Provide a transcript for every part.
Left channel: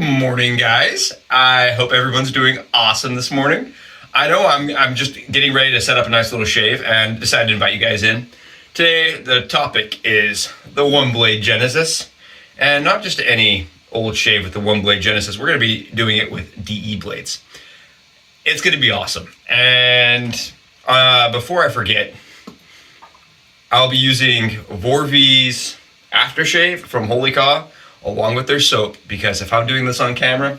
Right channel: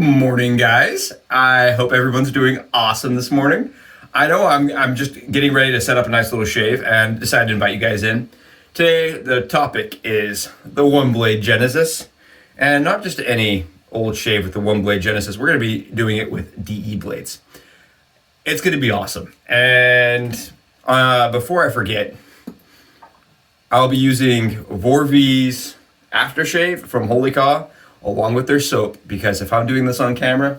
Good morning, guys. I hope everyone's doing awesome this morning. I know I'm just getting ready to set up a nice little shave and decided to invite you guys in. Today, the topic is the OneBlade Genesis, and not just any old shave with the OneBlade Genesis. We're going to be doing it with DE blades. It's going to be awesome. And before I forget, I'll be using Vor V's aftershave from Holy KAW along with their soap, because if I'm doing this on camera,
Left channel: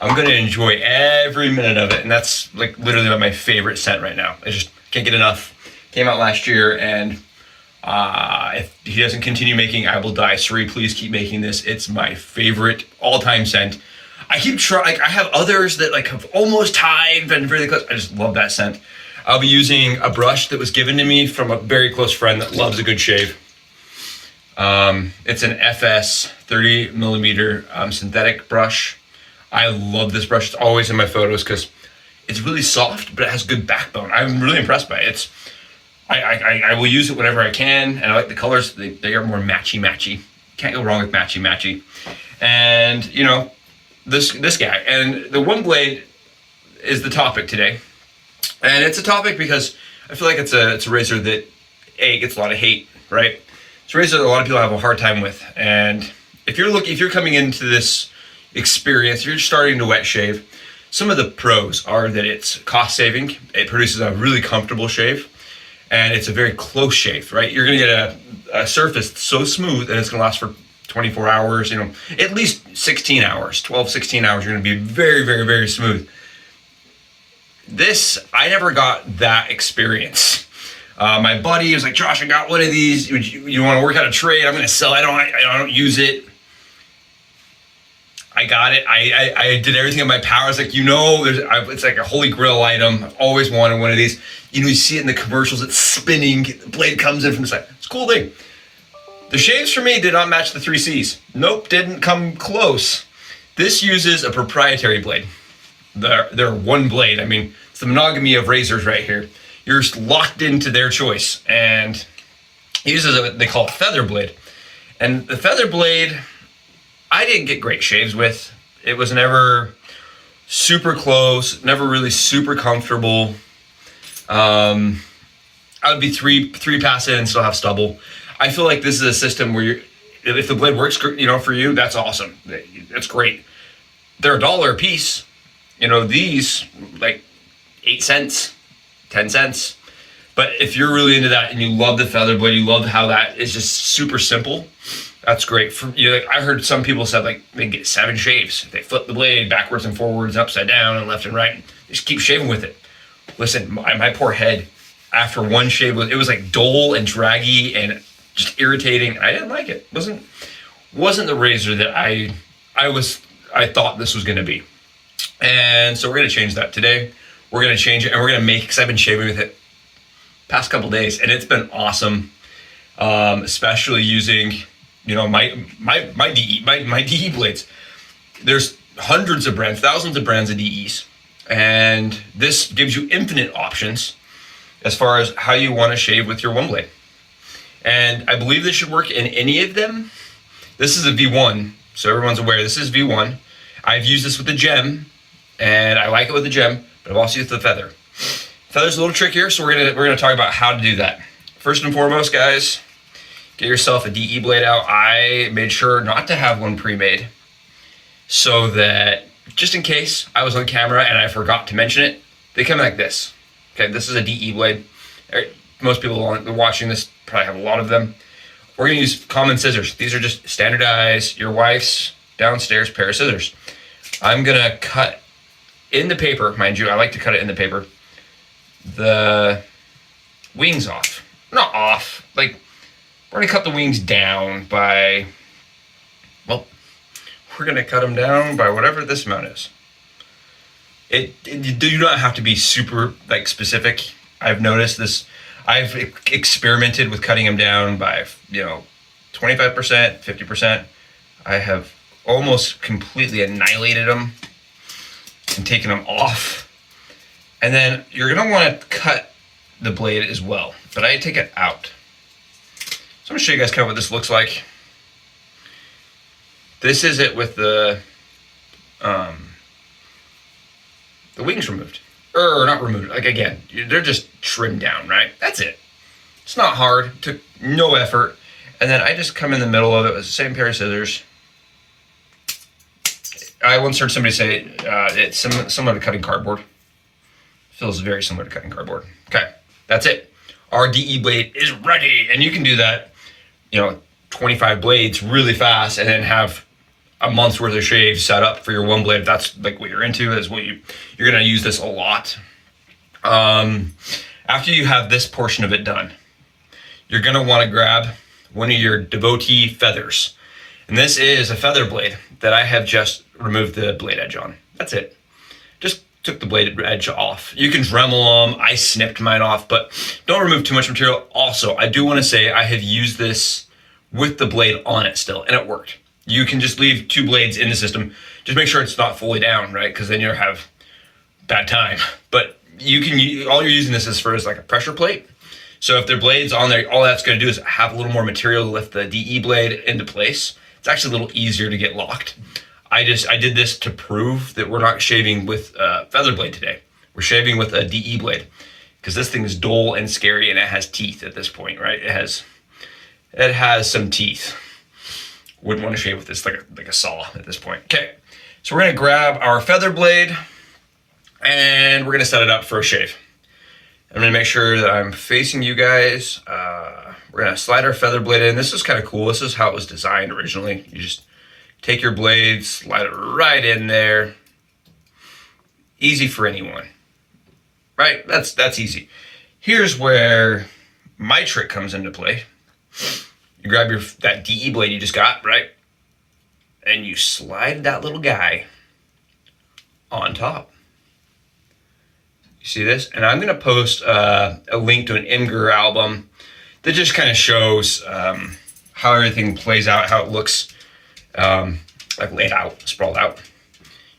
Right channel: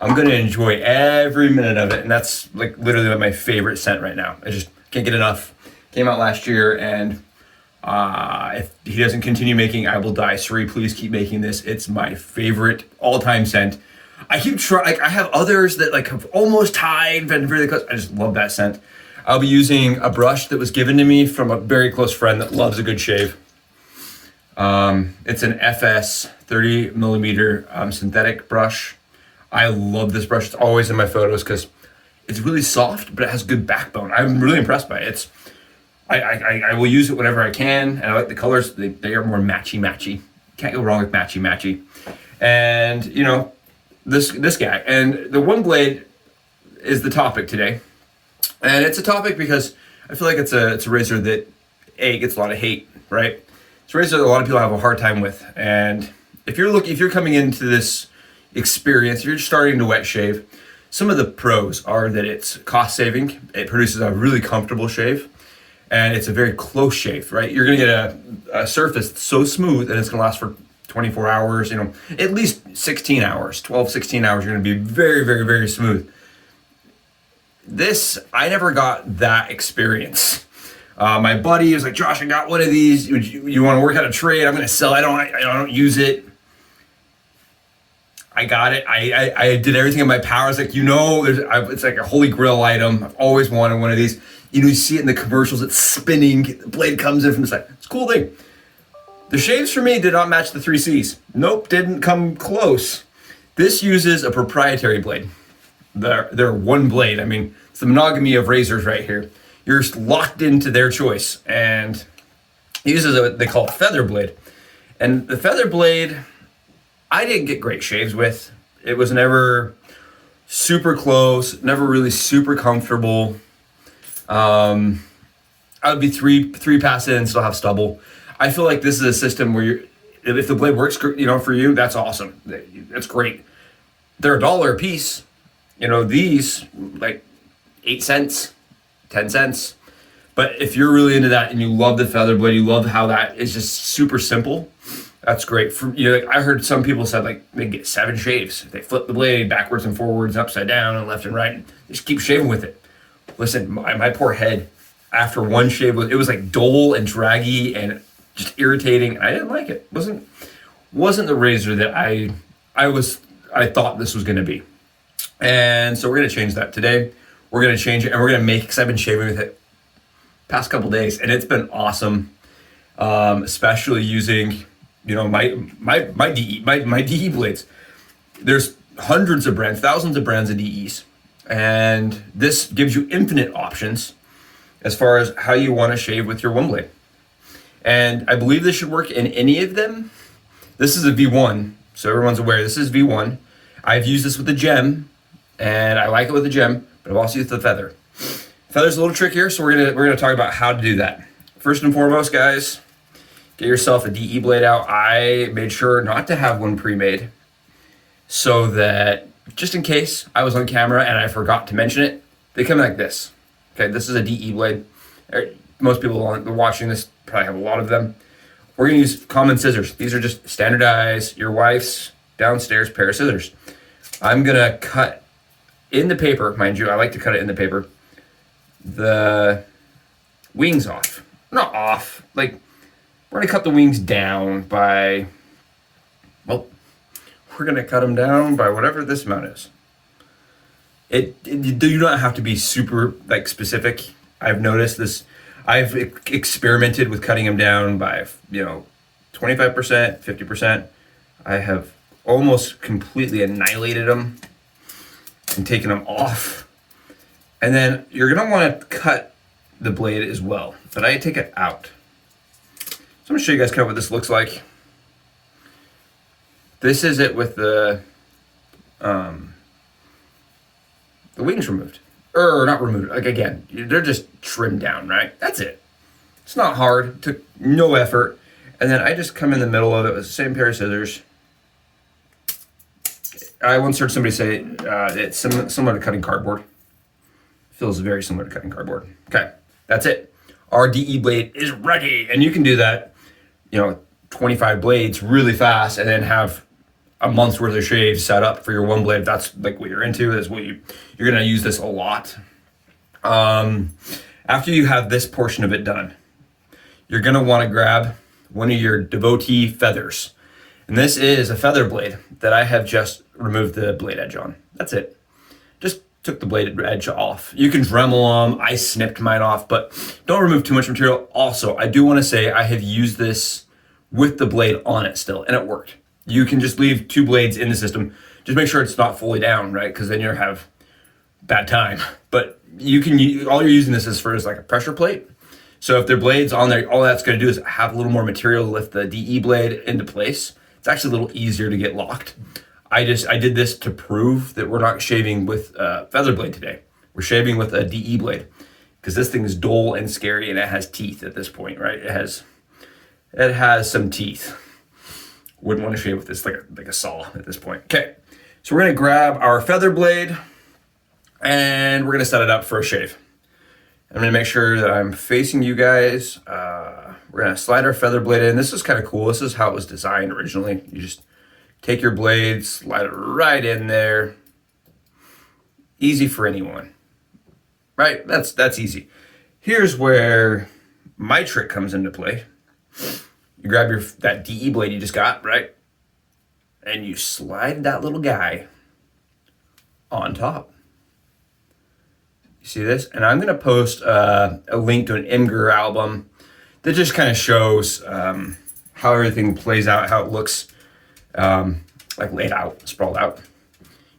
I'm going to enjoy every minute of it. And that's like literally my favorite scent right now. I just can't get enough. Came out last year, and if he doesn't continue making, I will die. Subie, please keep making this. It's my favorite all-time scent. I keep trying, like I have others that like have almost tied, but really close. I just love that scent. I'll be using a brush that was given to me from a very close friend that loves a good shave. It's an FS 30 millimeter synthetic brush. I love this brush. It's always in my photos because it's really soft, but it has good backbone. I'm really impressed by it. I will use it whenever I can, and I like the colors. They are more matchy. Can't go wrong with matchy. And you know, this guy, and the OneBlade is the topic today. And it's a topic because I feel like it's a razor that gets a lot of hate, right? It's a razor that a lot of people have a hard time with. And if you're coming into this experience, if you're starting to wet shave, some of the pros are that it's cost saving. It produces a really comfortable shave, and it's a very close shave, right? You're gonna get a surface that's so smooth that it's gonna last for 24 hours, you know, at least 16 hours, 12, 16 hours. You're gonna be very, very, very smooth. This, I never got that experience. My buddy was like, Josh, I got one of these. You want to work out a trade? I'm going to sell it. I don't use it. I got it. I did everything in my power. It's like, you know, it's like a holy grail item. I've always wanted one of these. You know, you see it in the commercials. It's spinning. The blade comes in from the side. It's a cool thing. The shaves for me did not match the 3Cs. Nope, didn't come close. This uses a proprietary blade. They're OneBlade. I mean, it's the monogamy of razors right here. You're just locked into their choice, and he uses what they call a feather blade. And the feather blade, I didn't get great shaves with. It was never super close, never really super comfortable. I would be three pass in and still have stubble. I feel like this is a system where if the blade works, you know, for you, that's awesome. That's great. They're $1 a piece. You know, these like 8 cents, 10 cents. But if you're really into that and you love the feather blade, you love how that is just super simple, that's great. Like I heard some people said like they get 7 shaves. They flip the blade backwards and forwards, upside down and left and right. They just keep shaving with it. Listen, my poor head, after one shave, it was like dull and draggy and just irritating. I didn't like it. Wasn't the razor that I thought this was gonna be. And so we're gonna change that today. We're gonna change it, and we're gonna make, because I've been shaving with it past couple days, and it's been awesome. Especially using, you know, my DE blades. There's hundreds of brands, thousands of brands of DEs, and this gives you infinite options as far as how you want to shave with your OneBlade. And I believe this should work in any of them. This is a V1, so everyone's aware. This is V1. I've used this with the gem, and I like it with the gem, but I've also used the feather. Feather's a little trickier, so we're gonna talk about how to do that. First and foremost, guys, get yourself a DE blade out. I made sure not to have one pre-made, so that just in case I was on camera and I forgot to mention it, they come like this. Okay, this is a DE blade. Most people watching this probably have a lot of them. We're gonna use common scissors. These are just standardized, your wife's downstairs pair of scissors. I'm gonna cut in the paper, mind you, I like to cut it in the paper, the wings off. Not off, like we're gonna cut the wings down by, well, we're gonna cut them down by whatever this amount is. You do not have to be super like specific. I've noticed this, I've experimented with cutting them down by, you know, 25%, 50%. I have almost completely annihilated them and taken them off. And then you're gonna wanna cut the blade as well, but I take it out. So I'm gonna show you guys kind of what this looks like. This is it with the the wings removed. Or not removed, like again, they're just trimmed down, right? That's it. It's not hard, took no effort. And then I just come in the middle of it with the same pair of scissors. I once heard somebody say it's similar to cutting cardboard. Feels very similar to cutting cardboard. Okay, that's it. Our DE blade is ready. And you can do that, 25 blades really fast and then have a month's worth of shave set up for your one blade. If that's like what you're into, is what you're gonna use this a lot. After you have this portion of it done, you're gonna wanna grab one of your devotee feathers. And this is a feather blade that I have just removed the blade edge on. That's it. Just took the blade edge off. You can Dremel them. I snipped mine off, but don't remove too much material. Also, I do wanna say I have used this with the blade on it still, and it worked. You can just leave 2 blades in the system. Just make sure it's not fully down, right? Because then you'll have bad time. But you can, all you're using this is for is like a pressure plate. So if there are blades on there, all that's gonna do is have a little more material to lift the DE blade into place. It's actually a little easier to get locked. I did this to prove that we're not shaving with a feather blade today. We're shaving with a DE blade because this thing is dull and scary and it has teeth at this point, right? It has some teeth. Wouldn't want to shave with this like a saw at this point. Okay, so we're gonna grab our feather blade and we're gonna set it up for a shave. I'm gonna make sure that I'm facing you guys. We're gonna slide our feather blade in. This is kind of cool. This is how it was designed originally. You just take your blade, slide it right in there. Easy for anyone, right? That's easy. Here's where my trick comes into play. You grab that DE blade you just got, right? And you slide that little guy on top. You see this? And I'm gonna post a link to an Imgur album that just kind of shows how everything plays out, how it looks like laid out, sprawled out.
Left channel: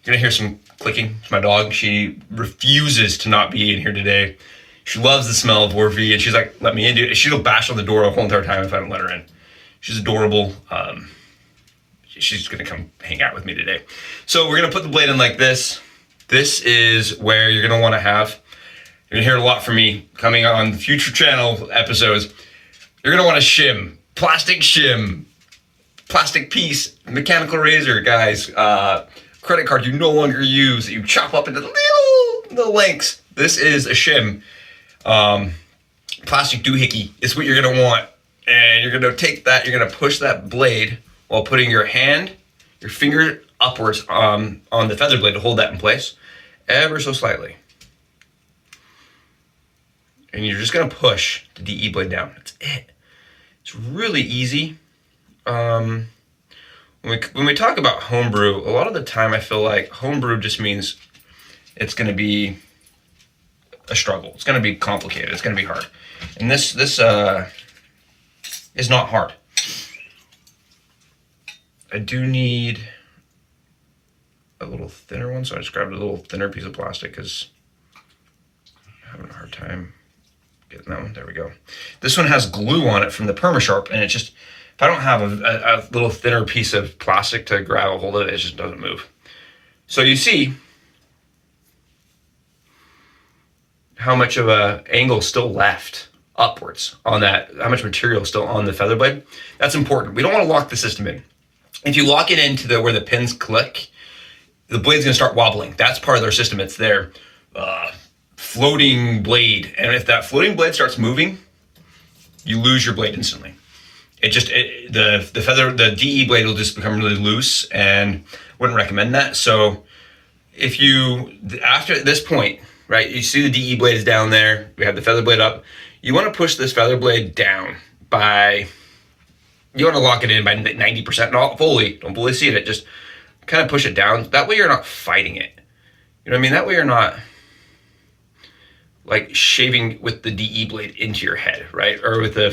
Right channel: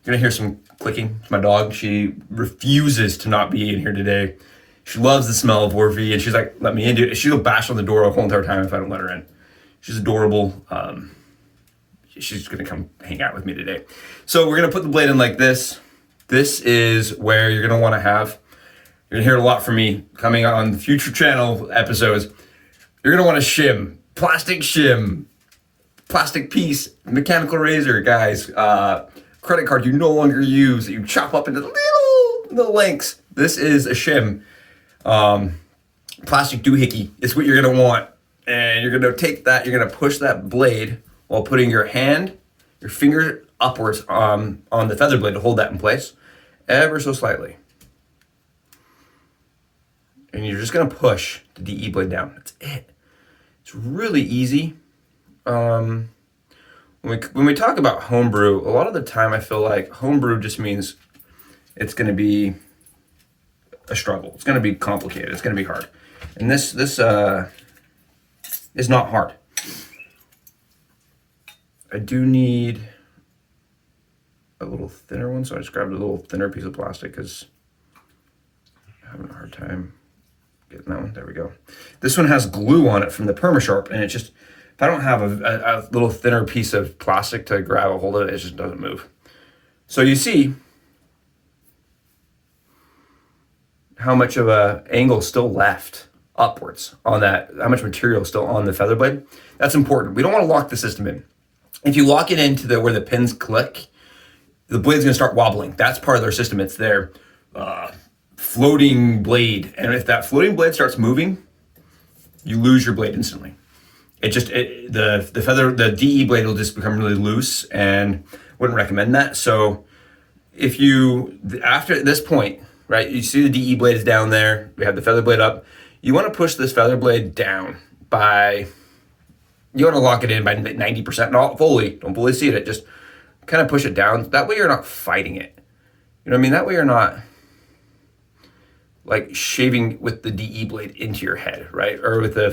You're gonna hear some clicking. It's my dog. She refuses to not be in here today. She loves the smell of Vor V, and she's like, let me in, dude. She'll bash on the door the whole entire time if I don't let her in. She's adorable. She's gonna come hang out with me today. So we're gonna put the blade in like this. This is where you're gonna wanna have, you're gonna hear a lot from me coming on future channel episodes. You're gonna wanna shim, plastic piece, mechanical razor, guys, credit card you no longer use that you chop up into little lengths. This is a shim. Plastic doohickey is what you're gonna want. And you're gonna take that, you're gonna push that blade while putting your finger upwards on the feather blade to hold that in place, ever so slightly. And you're just gonna push the DE blade down. That's it. It's really easy. When we talk about homebrew, a lot of the time I feel like homebrew just means it's gonna be a struggle. It's gonna be complicated. It's gonna be hard. And this is not hard. I do need a little thinner one, so I just grabbed a little thinner piece of plastic because I'm having a hard time getting that one. There we go. This one has glue on it from the Permasharp, and it just, if I don't have a little thinner piece of plastic to grab a hold of it, it just doesn't move. So you see how much of a angle still left upwards on that, how much material is still on the feather blade. That's important. We don't want to lock the system in. If you lock it into where the pins click, the blade's gonna start wobbling. That's part of their system. It's their floating blade. And if that floating blade starts moving, you lose your blade instantly. The DE blade will just become really loose, and wouldn't recommend that. So if you, after this point, right, you see the DE blade is down there, we have the feather blade up, you wanna push this feather blade down you wanna lock it in by 90%, not fully, don't fully see it, just kind of push it down. That way you're not fighting it. You know what I mean? That way you're not like shaving with the DE blade into your head, right? Or with the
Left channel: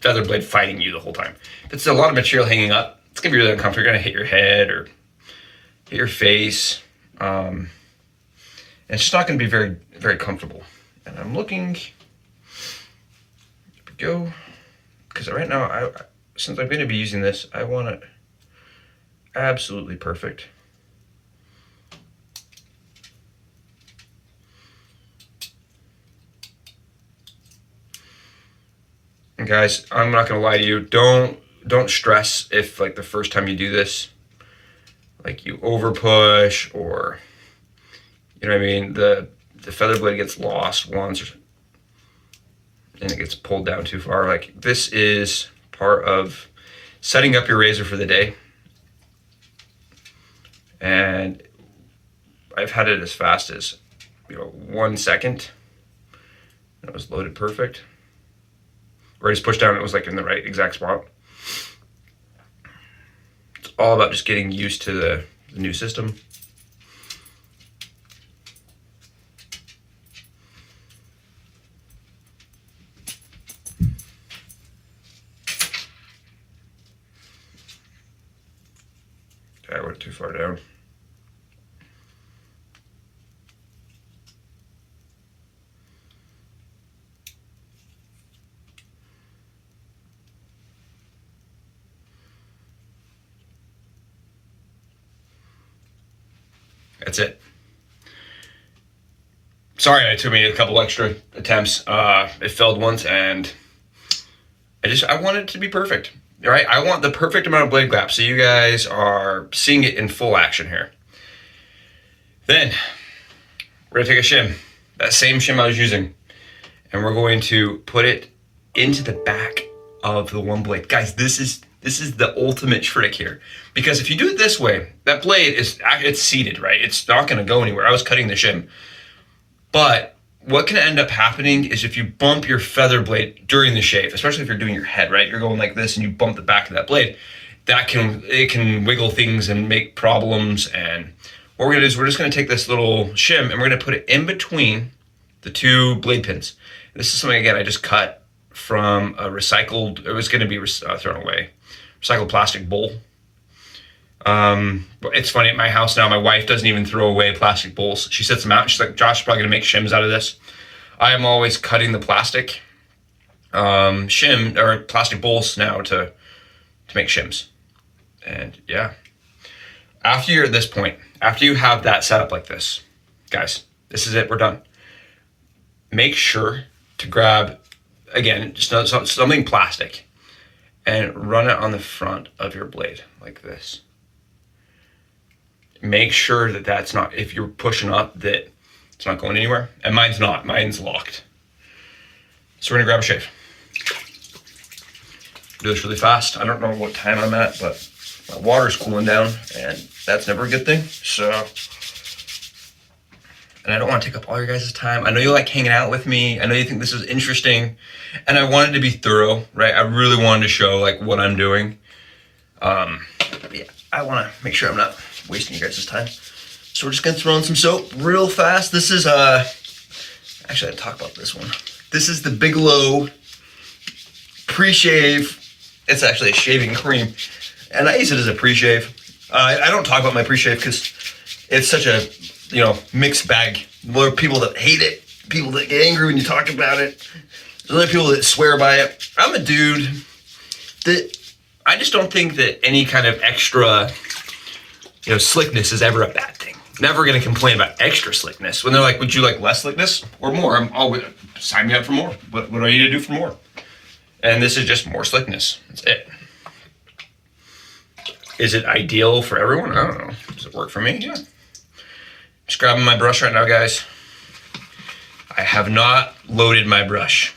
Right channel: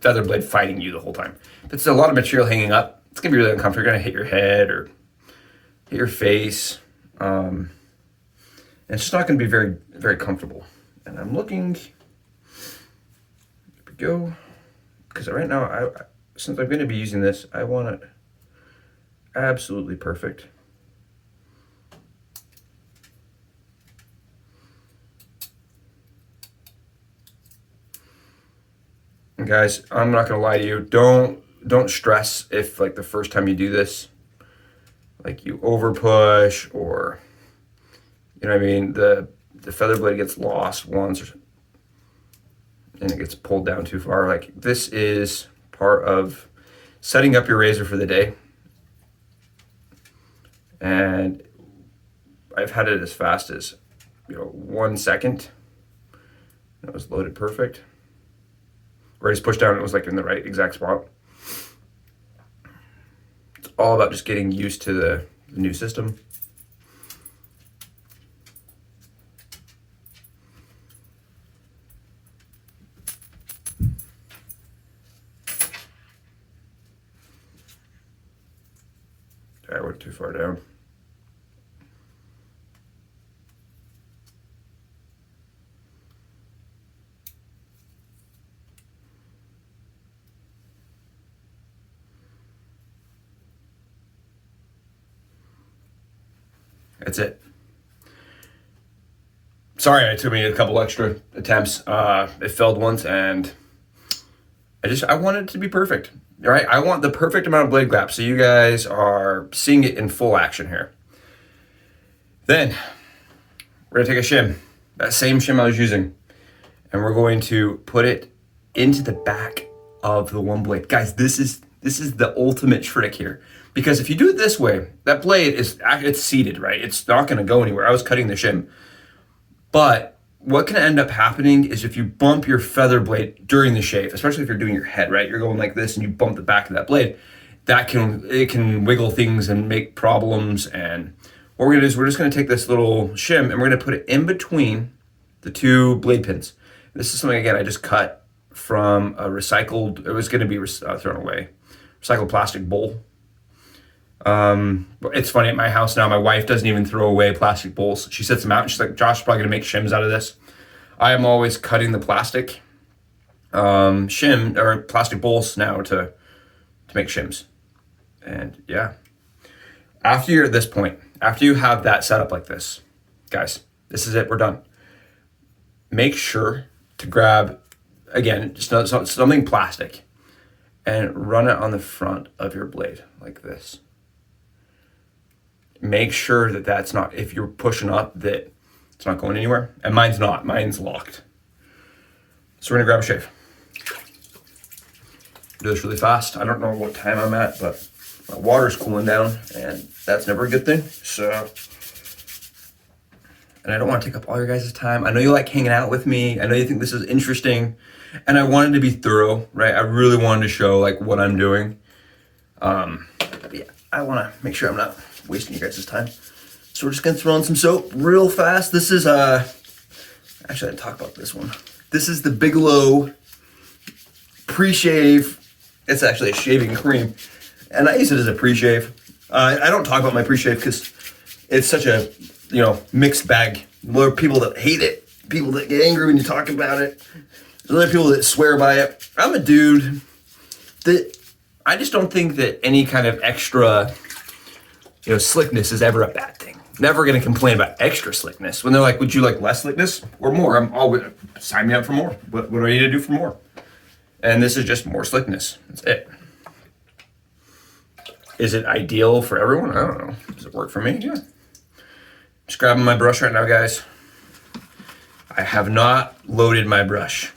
feather blade fighting you the whole time. If it's a lot of material hanging up, it's gonna be really uncomfortable. You're gonna hit your head or hit your face. And it's just not gonna be very, very comfortable. And I'm looking, here we go. Because right now, since I'm gonna be using this, I want it absolutely perfect. guys, I'm not gonna lie to you. Don't stress if like the first time you do this, like you over push or, you know what I mean, the feather blade gets lost once and it gets pulled down too far. Like, this is part of setting up your razor for the day. And I've had it as fast as, 1 second. That was loaded perfect. Or I just pushed down and it was like in the right exact spot. It's all about just getting used to the new system. I went too far down. That's it. Sorry, it took me a couple extra attempts. It failed once, and I want it to be perfect. All right, I want the perfect amount of blade gap, so you guys are seeing it in full action here. Then we're gonna take a shim, that same shim I was using, and we're going to put it into the back of the OneBlade. Guys, this is the ultimate trick here, because if you do it this way, that blade it's seated, right? It's not gonna go anywhere. I was cutting the shim, but what can end up happening is if you bump your feather blade during the shave, especially if you're doing your head, right? You're going like this and you bump the back of that blade, it can wiggle things and make problems. And what we're gonna do is we're just gonna take this little shim and we're gonna put it in between the two blade pins. This is something, again, I just cut from a recycled, it was gonna be thrown away, recycled plastic bowl. But it's funny, at my house now, my wife doesn't even throw away plastic bowls. She sets them out and she's like, Josh, probably gonna make shims out of this. I am always cutting the plastic shim or plastic bowls now to make shims. And yeah, after you're at this point, after you have that set up like this, guys, this is it, we're done. Make sure to grab, again, just something plastic and run it on the front of your blade like this. Make sure that that's not, if you're pushing up, that it's not going anywhere. And mine's not, mine's locked. So we're gonna grab a shave. Do this really fast. I don't know what time I'm at, but my water's cooling down and that's never a good thing. So, and I don't want to take up all your guys' time. I know you like hanging out with me. I know you think this is interesting, and I wanted to be thorough, right? I really wanted to show like what I'm doing. Yeah, I want to make sure I'm not wasting you guys' time. So we're just gonna throw in some soap real fast. This is actually I didn't talk about this one. This is the BIGELOW pre-shave. It's actually a shaving cream, and I use it as a pre-shave. I don't talk about my pre-shave because it's such a mixed bag. There are people that hate it, people that get angry when you talk about it. There's other people that swear by it. I'm a dude that I just don't think that any kind of extra slickness is ever a bad thing. Never gonna complain about extra slickness. When they're like, would you like less slickness or more? I'm always, sign me up for more. What do I need to do for more? And this is just more slickness. That's it. Is it ideal for everyone? I don't know. Does it work for me? Yeah. Just grabbing my brush right now, guys. I have not loaded my brush,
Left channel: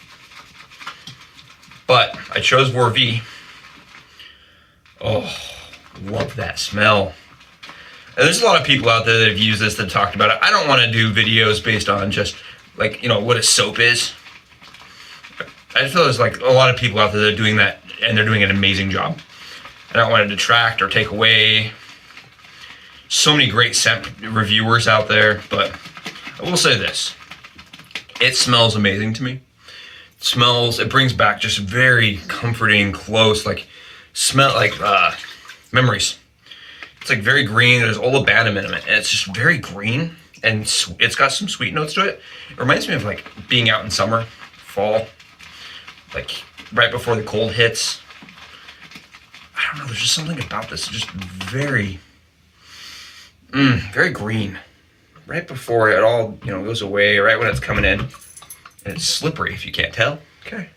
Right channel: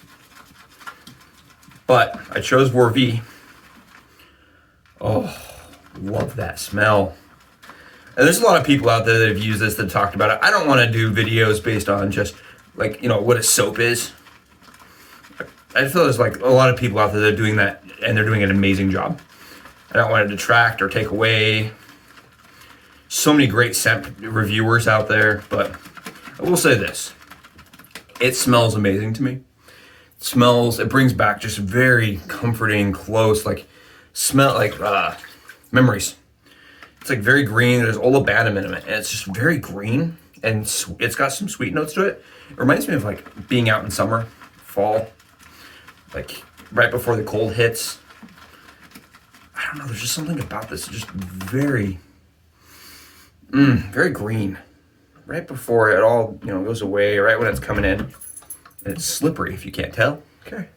but I chose Vor V. Oh, love that smell. And there's a lot of people out there that have used this, that talked about it. I don't want to do videos based on just like, what a soap is. I feel there's like a lot of people out there that are doing that and they're doing an amazing job. I don't want to detract or take away. So many great scent reviewers out there, but I will say this. It smells amazing to me. It brings back just very comforting, close, memories. It's like very green. There's olivandum in it, and it's just very green, and it's got some sweet notes to it. It reminds me of like being out in summer, fall, like right before the cold hits. I don't know. There's just something about this. Just very, very green. Right before it all goes away. Right when it's coming in, and it's slippery if you can't tell. Okay.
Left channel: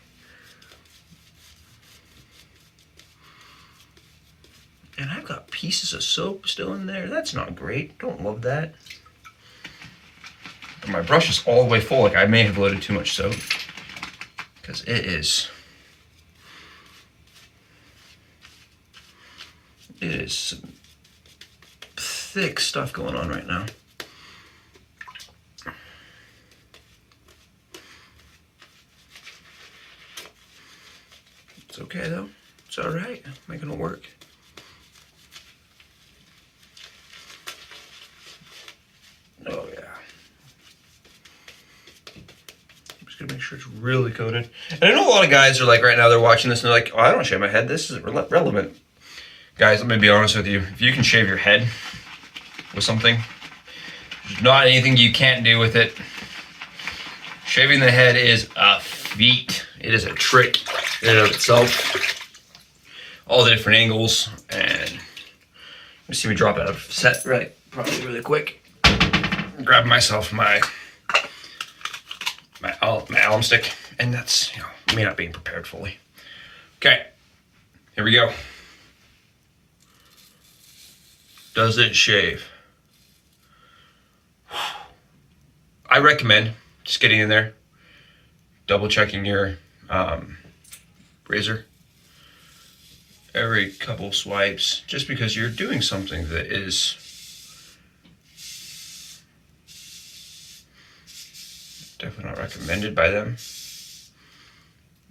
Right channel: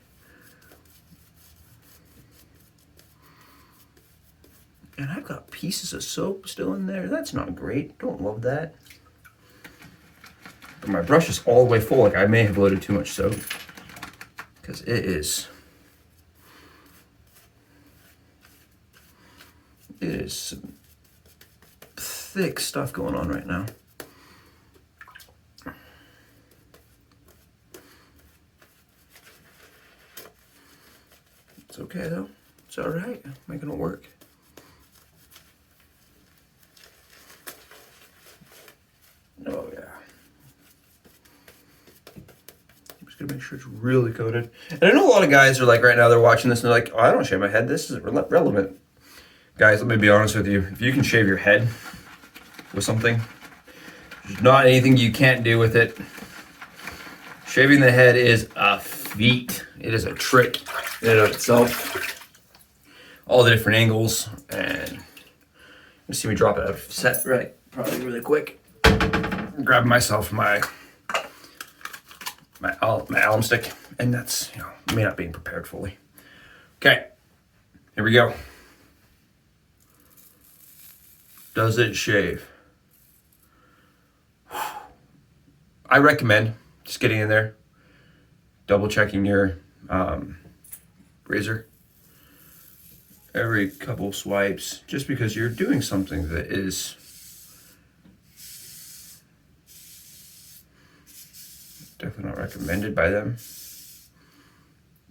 And I've got pieces of soap still in there. That's not great. Don't love that. And my brush is all the way full. Like I may have loaded too much soap because it is some thick stuff going on right now. It's okay though. It's all right. Making it work. Oh yeah. I'm just gonna make sure it's really coated. And I know a lot of guys are like right now they're watching this and they're like, oh, I don't shave my head. This isn't relevant. Guys, let me be honest with you. If you can shave your head with something, there's not anything you can't do with it. Shaving the head is a feat. It is a trick in and of itself. All the different angles, and let's see me drop out of set right, probably really quick. Grab myself my alum stick, and that's, you know, me not being prepared fully. Okay, here we go. Does it shave? I recommend just getting in there, double checking your razor every couple swipes, just because you're doing something that is definitely not recommended by them.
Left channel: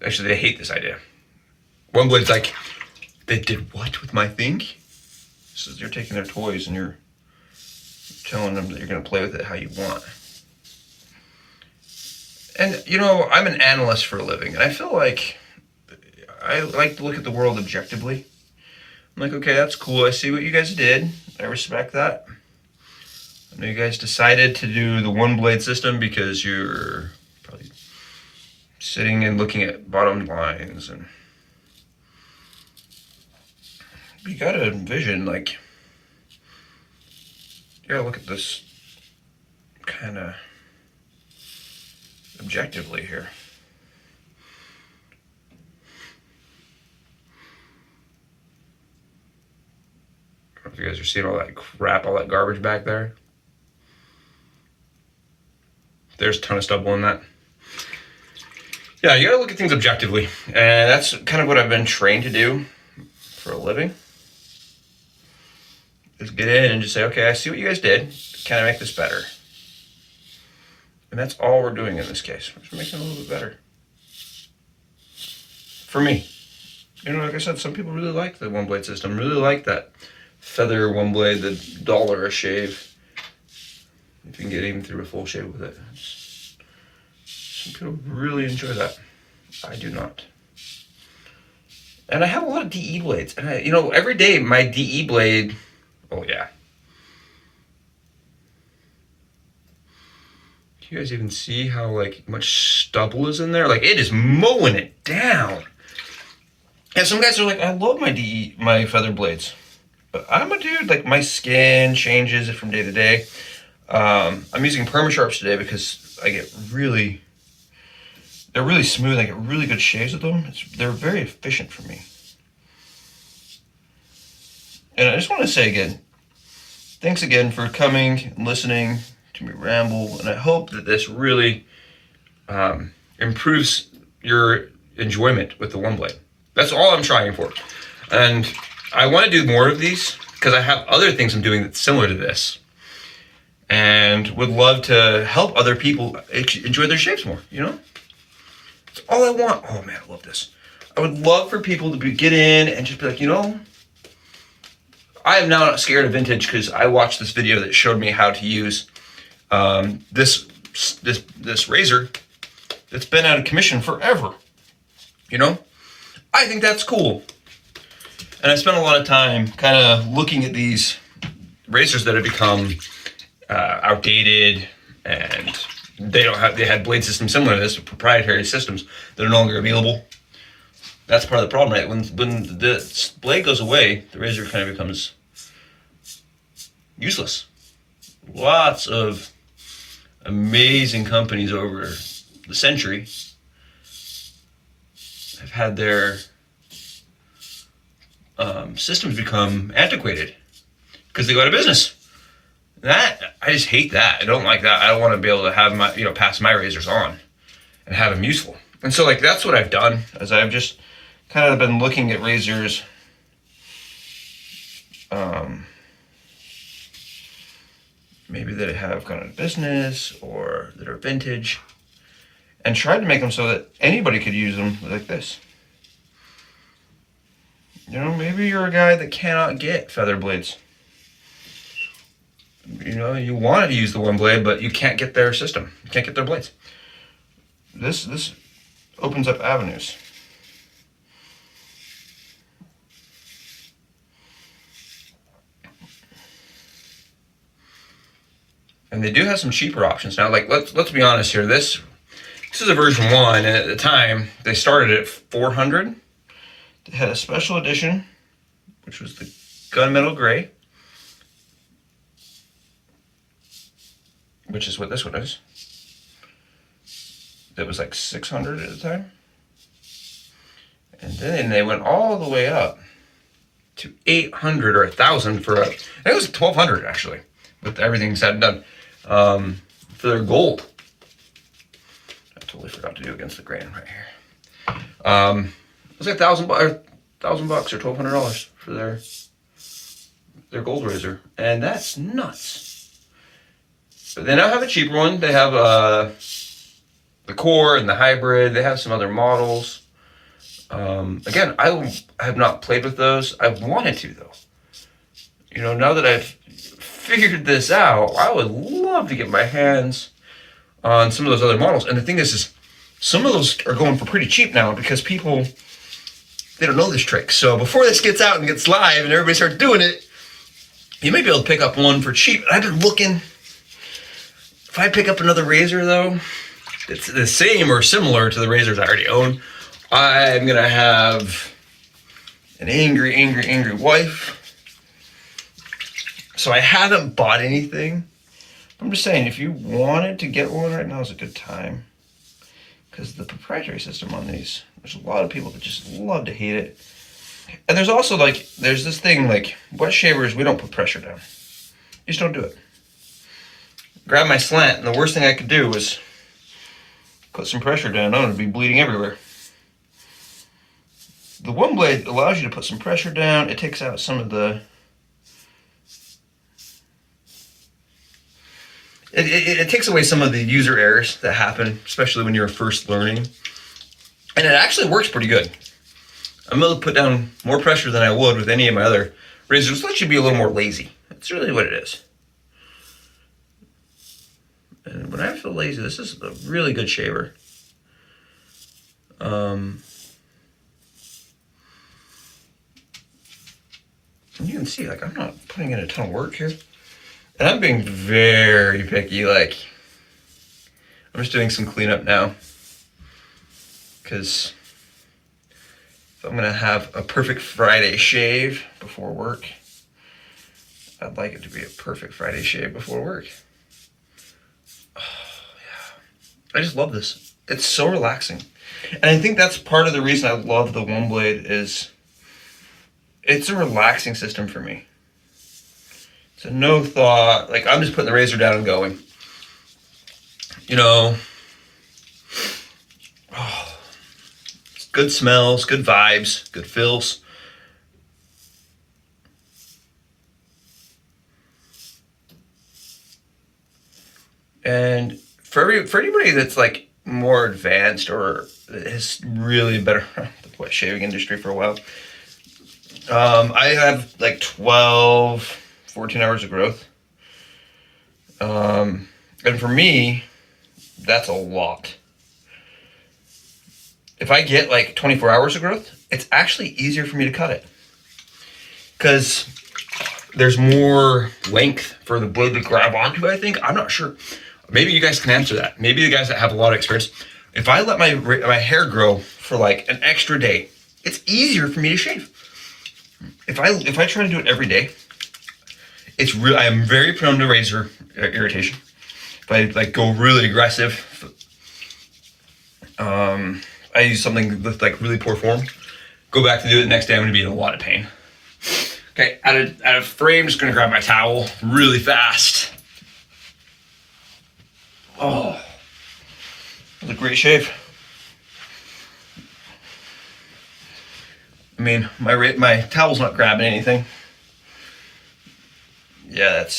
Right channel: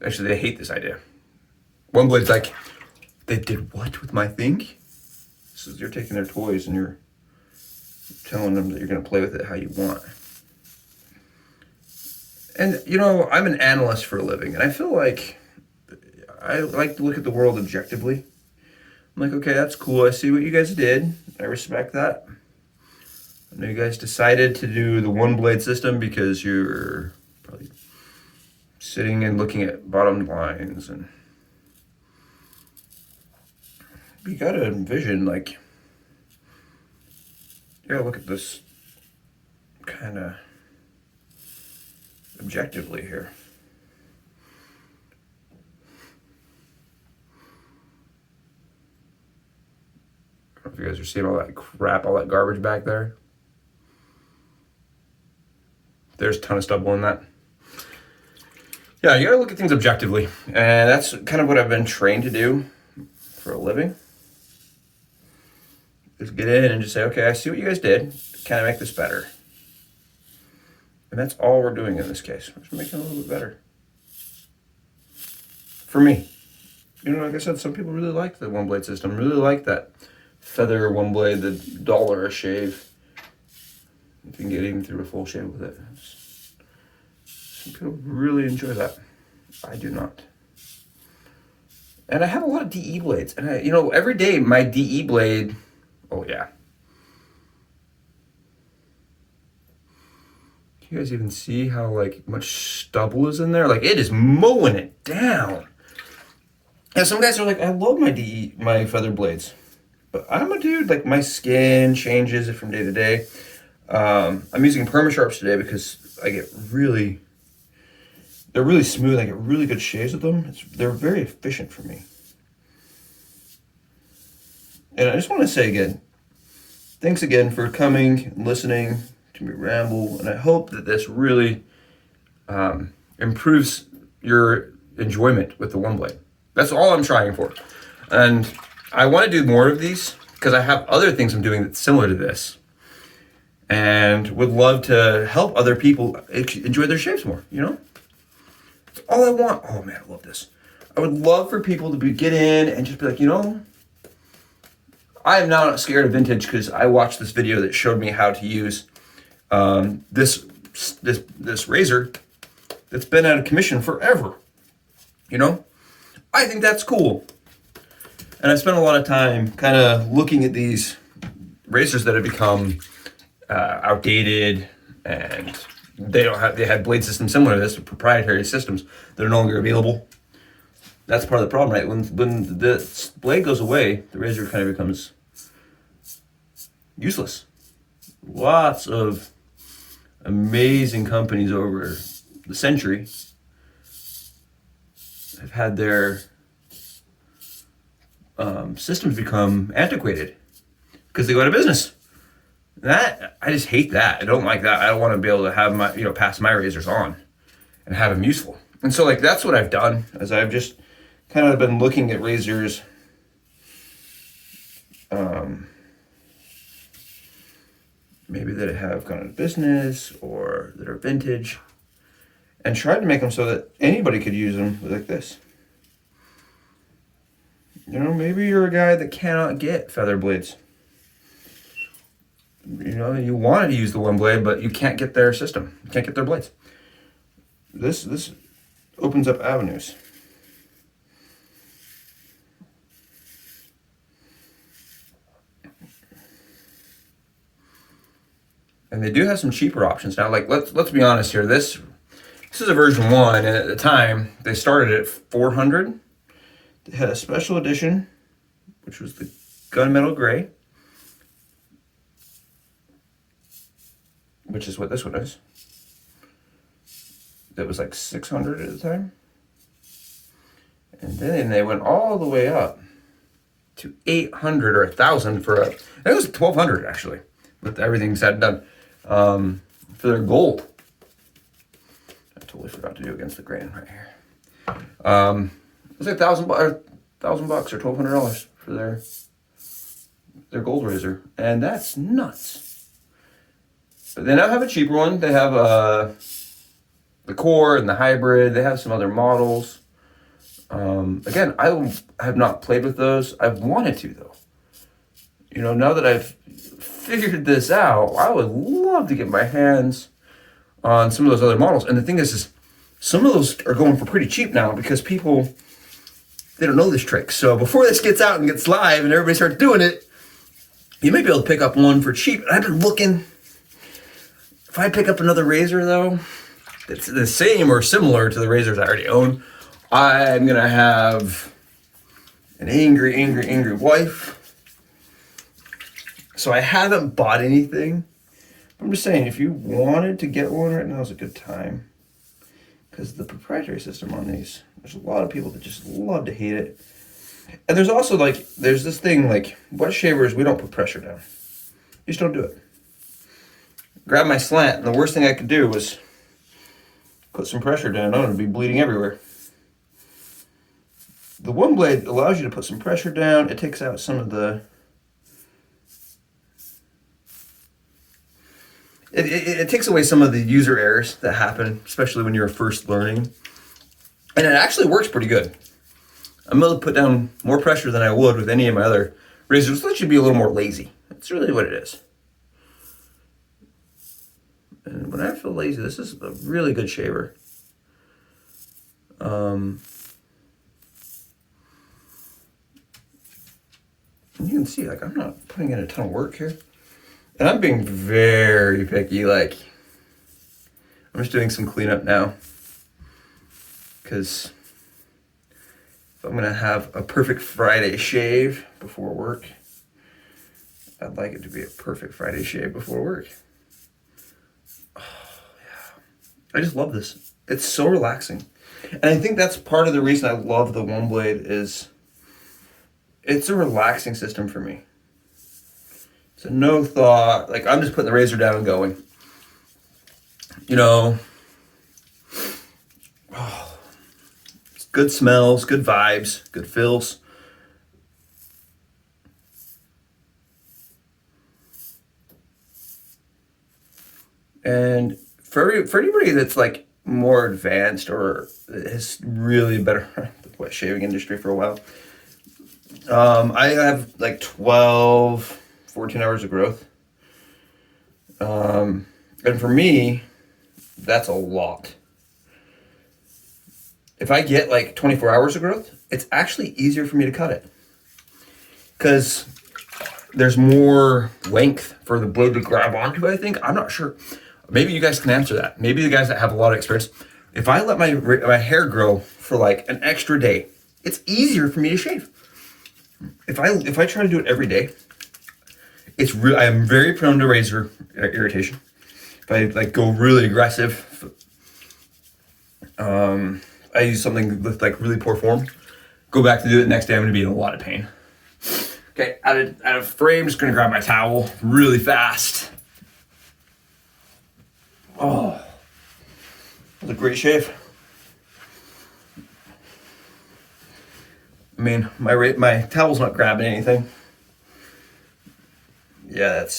Actually, they hate this idea. OneBlade's like, they did what with my thing? So you're taking their toys and you're telling them that you're gonna play with it how you want. And you know, I'm an analyst for a living, and I feel like I like to look at the world objectively. I'm like, okay, that's cool. I see what you guys did. I respect that. I know you guys decided to do the OneBlade system because you're probably sitting and looking at bottom lines, and you gotta envision, like, you gotta look at this kind of objectively here. I don't know if you guys are seeing all that crap, all that garbage back there. There's a ton of stubble in that. Yeah, you gotta look at things objectively. And that's kind of what I've been trained to do for a living. Is get in and just say, okay, I see what you guys did. Can I make this better? And that's all we're doing in this case. We're just making it a little bit better. For me. You know, like I said, some people really like the OneBlade system, really like that feather OneBlade, the $1 a shave. If you can get even through a full shave with it. Some people really enjoy that. I do not. And I have a lot of DE blades. And I, you know, every day my DE blade, oh yeah. Can you guys even see how like much stubble is in there? Like it is mowing it down. And some guys are like, I love my feather blades. But I'm a dude, like my skin changes from day to day. I'm using Permasharps today because I get they're really smooth. I get really good shaves with them. They're very efficient for me. And I just want to say again, thanks again for coming and listening to me ramble. And I hope that this really improves your enjoyment with the OneBlade. That's all I'm trying for. And I want to do more of these because I have other things I'm doing that's similar to this. And would love to help other people enjoy their shaves more, you know? That's all I want. Oh man, I love this. I would love for people to get in and just be like, you know, I am now not scared of vintage because I watched this video that showed me how to use this razor that's been out of commission forever. You know? I think that's cool. And I spent a lot of time kind of looking at these razors that have become outdated, and they had blade systems similar to this, proprietary systems that are no longer available. That's part of the problem, right? When the blade goes away, the razor kind of becomes useless. Lots of amazing companies over the century have had their systems become antiquated because they go out of business. That, I just hate that. I don't like that. I don't want to be able to have my, pass my razors on and have them useful. And so like, that's what I've done, is I've just kind of been looking at razors, maybe that have gone out of business or that are vintage, and tried to make them so that anybody could use them like this. Maybe you're a guy that cannot get feather blades. You wanted to use the OneBlade, but you can't get their system. You can't get their blades. This opens up avenues. And they do have some cheaper options now. Like, let's be honest here. This is a version 1, and at the time they started at $400. They had a special edition, which was the gunmetal gray, which is what this one is. That was like $600 at the time. And then they went all the way up to $800 or $1,000 for I think it was $1,200 actually, with everything said and done, for their gold. I totally forgot to do against the grain right here. It was like $1,000 or $1,200 for their gold razor, and that's nuts. But they now have a cheaper one. They have the core and the hybrid. They have some other models. Again, I have not played with those. I've wanted to though. Now that I've figured this out, I would love to get my hands on some of those other models. And the thing is some of those are going for pretty cheap now because people, they don't know this trick. So before this gets out and gets live and everybody starts doing it, you may be able to pick up one for cheap. I've been looking. If I pick up another razor though, it's the same or similar to the razors I already own, I'm gonna have an angry wife. So I haven't bought anything. I'm just saying, if you wanted to get one right now is a good time. Because the proprietary system on these, there's a lot of people that just love to hate it. And there's also there's this thing like, wet shavers, we don't put pressure down. You just don't do it. Grab my slant, and the worst thing I could do was put some pressure down on it and be bleeding everywhere. The OneBlade allows you to put some pressure down. It takes out some of the... It takes away some of the user errors that happen, especially when you're first learning. And it actually works pretty good. I'm able to put down more pressure than I would with any of my other razors. It lets you be a little more lazy. That's really what it is. And when I feel lazy, this is a really good shaver. You can see, I'm not putting in a ton of work here. And I'm being very picky, I'm just doing some cleanup now. Because if I'm gonna have a perfect Friday shave before work, I'd like it to be a perfect Friday shave before work. Oh, yeah. I just love this. It's so relaxing. And I think that's part of the reason I love the OneBlade is it's a relaxing system for me. It's a no thought, I'm just putting the razor down and going. It's good smells, good vibes, good feels. And for anybody that's more advanced or has really been around the wet shaving industry for a while, I have 12, 14 hours of growth. And for me, that's a lot. If I get 24 hours of growth, it's actually easier for me to cut it. Because there's more length for the blade to grab onto, I think. I'm not sure. Maybe you guys can answer that. Maybe the guys that have a lot of experience. If I let my hair grow for an extra day, it's easier for me to shave. If I try to do it every day, I am very prone to razor irritation. If I go really aggressive, I use something with really poor form. Go back to do it the next day, I'm gonna be in a lot of pain. Okay, out of frame, just gonna grab my towel really fast. Oh, that was a great shave. I mean, my towel's not grabbing anything. Yeah,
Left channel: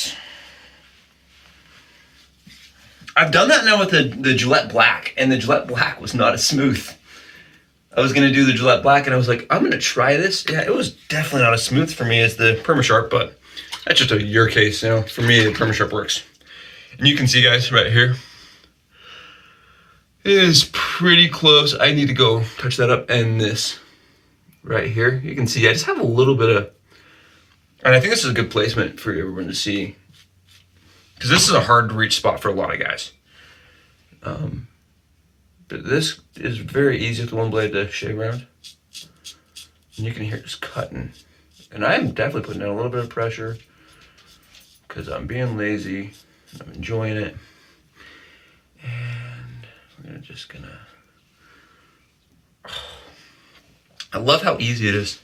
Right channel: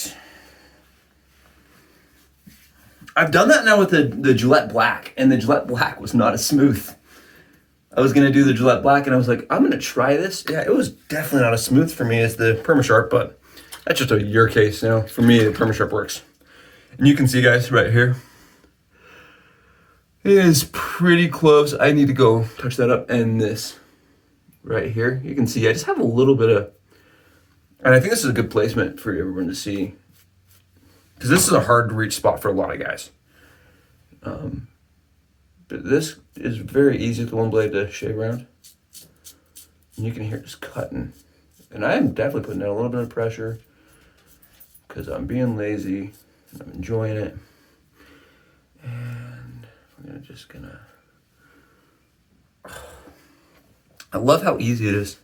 I've done that now with the Gillette Black, and the Gillette Black was not as smooth. I was gonna do the Gillette Black, and I was like, I'm gonna try this. Yeah, it was definitely not as smooth for me as the Permasharp, but that's just your case, you know. For me, the Permasharp works. And you can see, guys, right here, it is pretty close. I need to go touch that up, and this right here, you can see I just have a little bit of, and I think this is a good placement for everyone to see, because this is a hard to reach spot for a lot of guys. But this is very easy with the OneBlade to shave around. And you can hear it just cutting. And I am definitely putting down a little bit of pressure because I'm being lazy. I'm enjoying it. And we're gonna I love how easy it is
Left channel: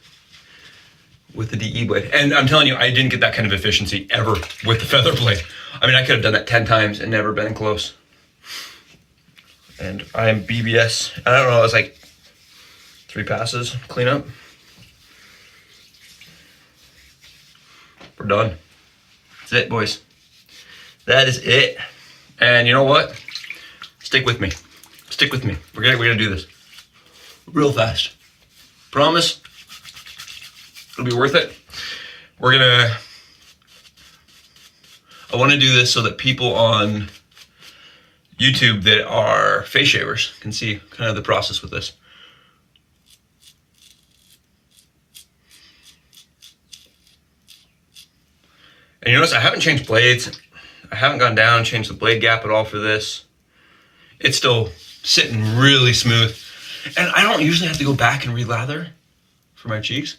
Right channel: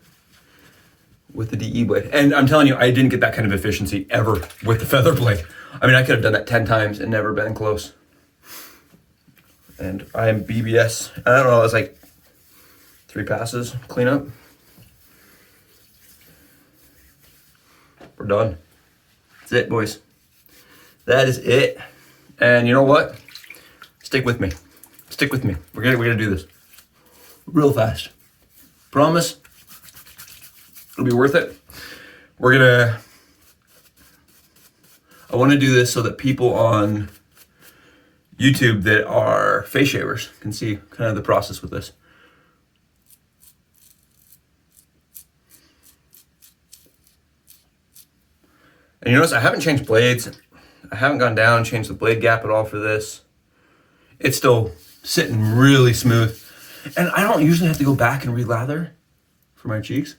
with the DE blade. And I'm telling you, I didn't get that kind of efficiency ever with the feather blade. I mean, I could have done that 10 times and never been close. And I am BBS. I don't know, it was like 3 passes, clean up. We're done. That's it, boys. That is it. And you know what? Stick with me. Stick with me. We're gonna do this real fast. Promise. It'll be worth it. I want to do this so that people on YouTube that are face shavers can see kind of the process with this. And you notice I haven't changed blades. I haven't gone down and changed the blade gap at all for this. It's still sitting really smooth. And I don't usually have to go back and re-lather for my cheeks.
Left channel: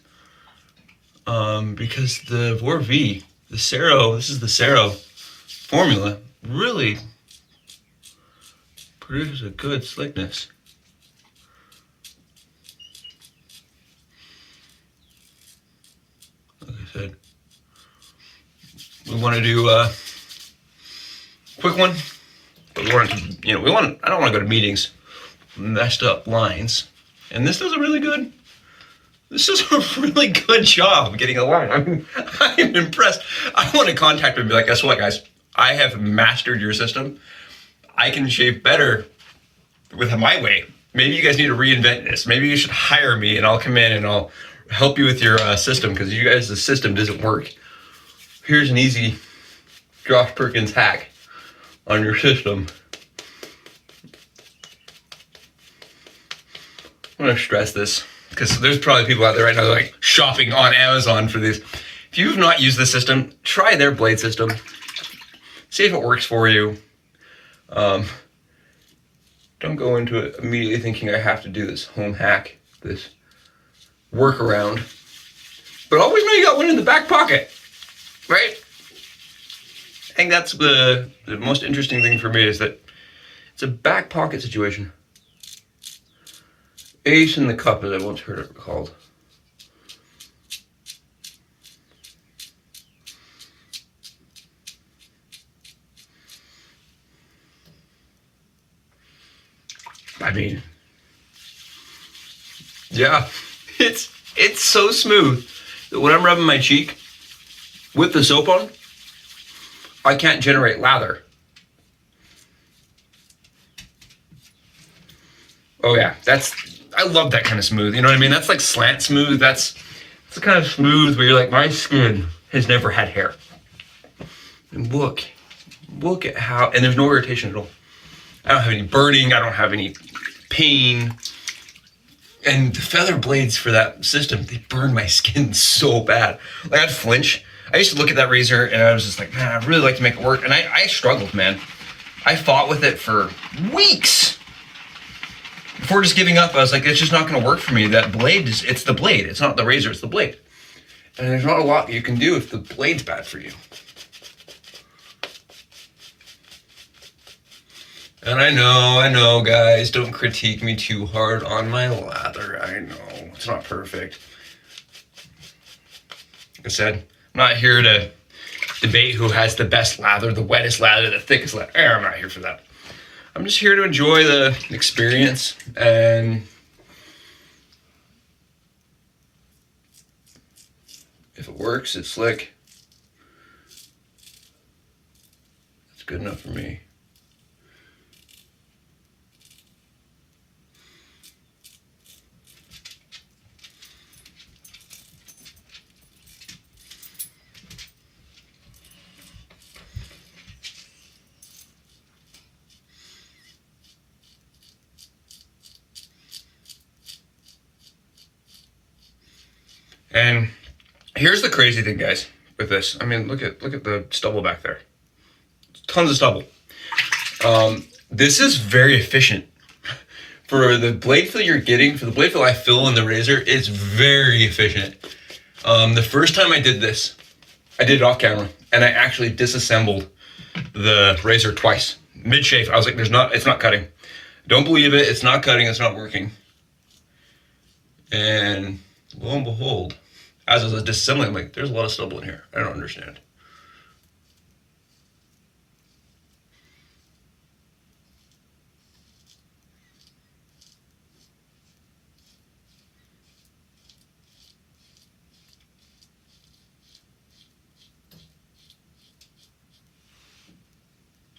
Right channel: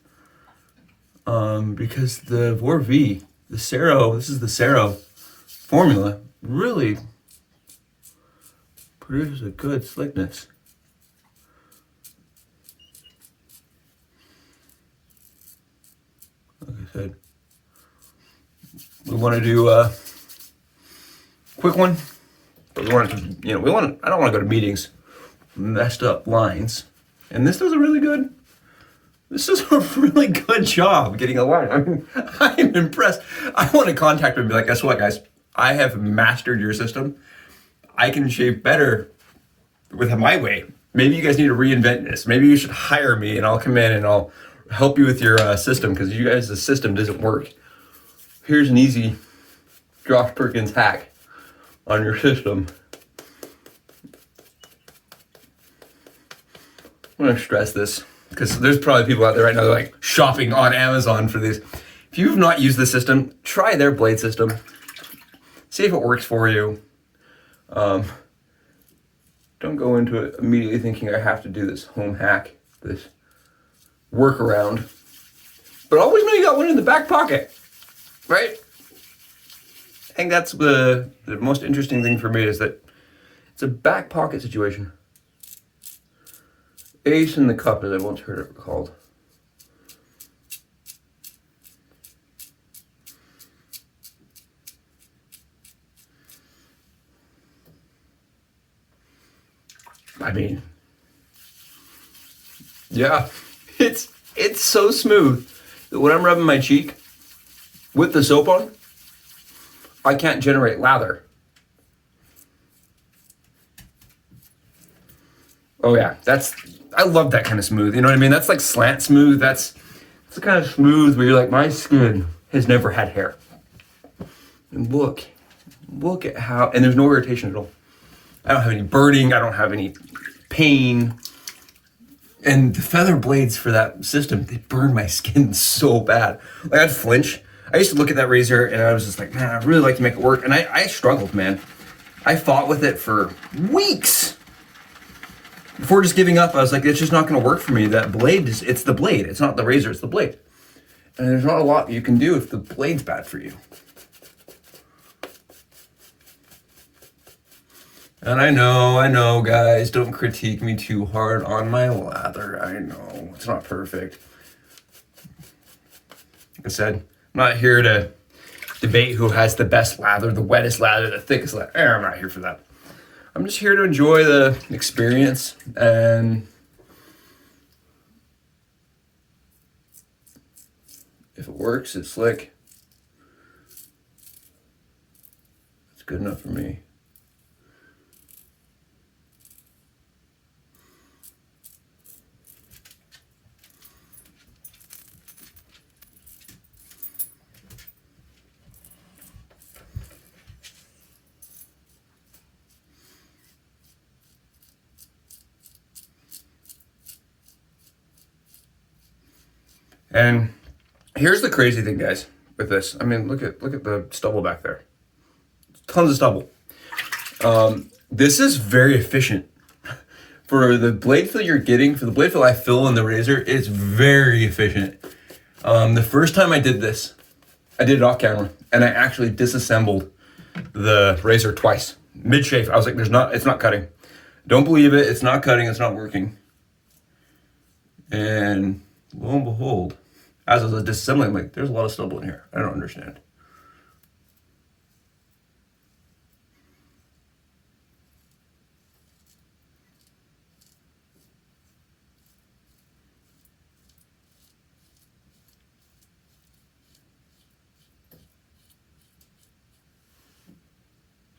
Because the Vor V, the Cero, this is the Cero formula, really produces a good slickness. Like I said, we want to do a quick one, but we want to, I don't want to go to meetings, messed up lines. And this does a really good job getting a line. I mean, I'm impressed. I want to contact them and be like, guess what, guys? I have mastered your system. I can shave better with my way. Maybe you guys need to reinvent this. Maybe you should hire me and I'll come in and I'll help you with your system, because you guys, the system doesn't work. Here's an easy Josh Perkins hack on your system. I'm gonna stress this, because there's probably people out there right now that are like shopping on Amazon for these. If you've not used this system, try their blade system. See if it works for you. Don't go into it immediately thinking I have to do this home hack, this workaround. But always know you got one in the back pocket, right? I think that's the most interesting thing for me, is that it's a back pocket situation. Ace in the cup, as I once heard it called. I mean, yeah, it's so smooth that when I'm rubbing my cheek with the soap on, I can't generate lather. Oh yeah, I love that kind of smooth, you know what I mean? That's like slant smooth. That's the kind of smooth where you're like, my skin has never had hair. And look at how, and there's no irritation at all. I don't have any burning, I don't have any pain. And the feather blades for that system, they burn my skin so bad. Like, I'd flinch. I used to look at that razor and I was just like, man, I'd really like to make it work. And I struggled, man. I fought with it for weeks. Before just giving up, I was like, it's just not gonna work for me. That blade, it's the blade. It's not the razor, it's the blade. And there's not a lot you can do if the blade's bad for you. And I know, guys, don't critique me too hard on my lather. I know, it's not perfect. It's said. I'm not here to debate who has the best lather, the wettest lather, the thickest lather. I'm not here for that. I'm just here to enjoy the experience, and if it works, it's slick. It's good enough for me. And here's the crazy thing, guys, with this. I mean, look at the stubble back there. Tons of stubble. This is very efficient. For the blade fill you're getting, for the blade fill I fill in the razor, it's very efficient. The first time I did this, I did it off camera, and I actually disassembled the razor twice. Mid-shave, I was like, it's not cutting. Don't believe it, it's not cutting, it's not working. And lo and behold, as I was disassembling, I'm like, there's a lot of stubble in here. I don't understand.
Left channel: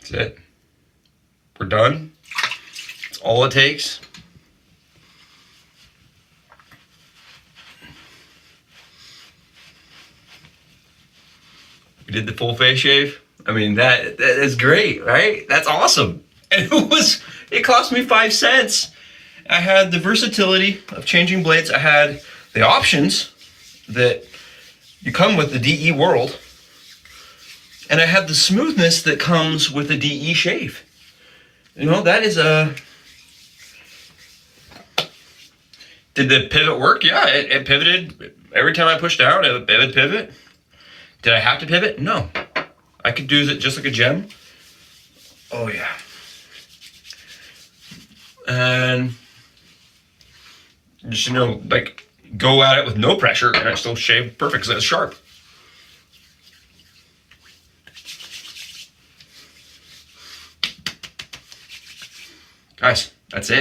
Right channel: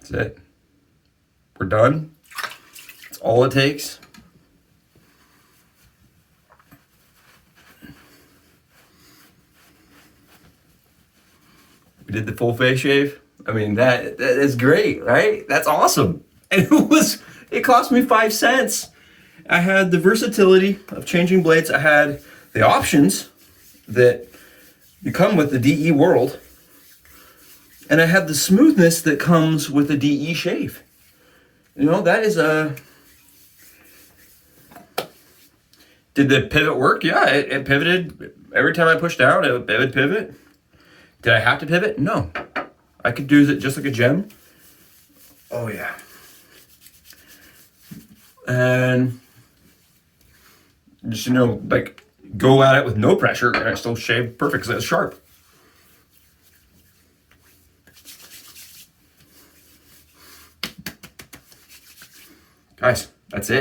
That's it. We're done. That's all it takes. We did the full face shave. I mean, that is great, right? That's awesome. And it cost me 5 cents. I had the versatility of changing blades. I had the options that you come with the DE world. And I had the smoothness that comes with the DE shave. You know, that is a... Did the pivot work? Yeah, it pivoted. Every time I pushed down, it would pivot. Did I have to pivot? No. I could do it just like a gem. Oh yeah. And just, you know, like, go at it with no pressure, and I still shave perfect because it's sharp. Guys, that's it.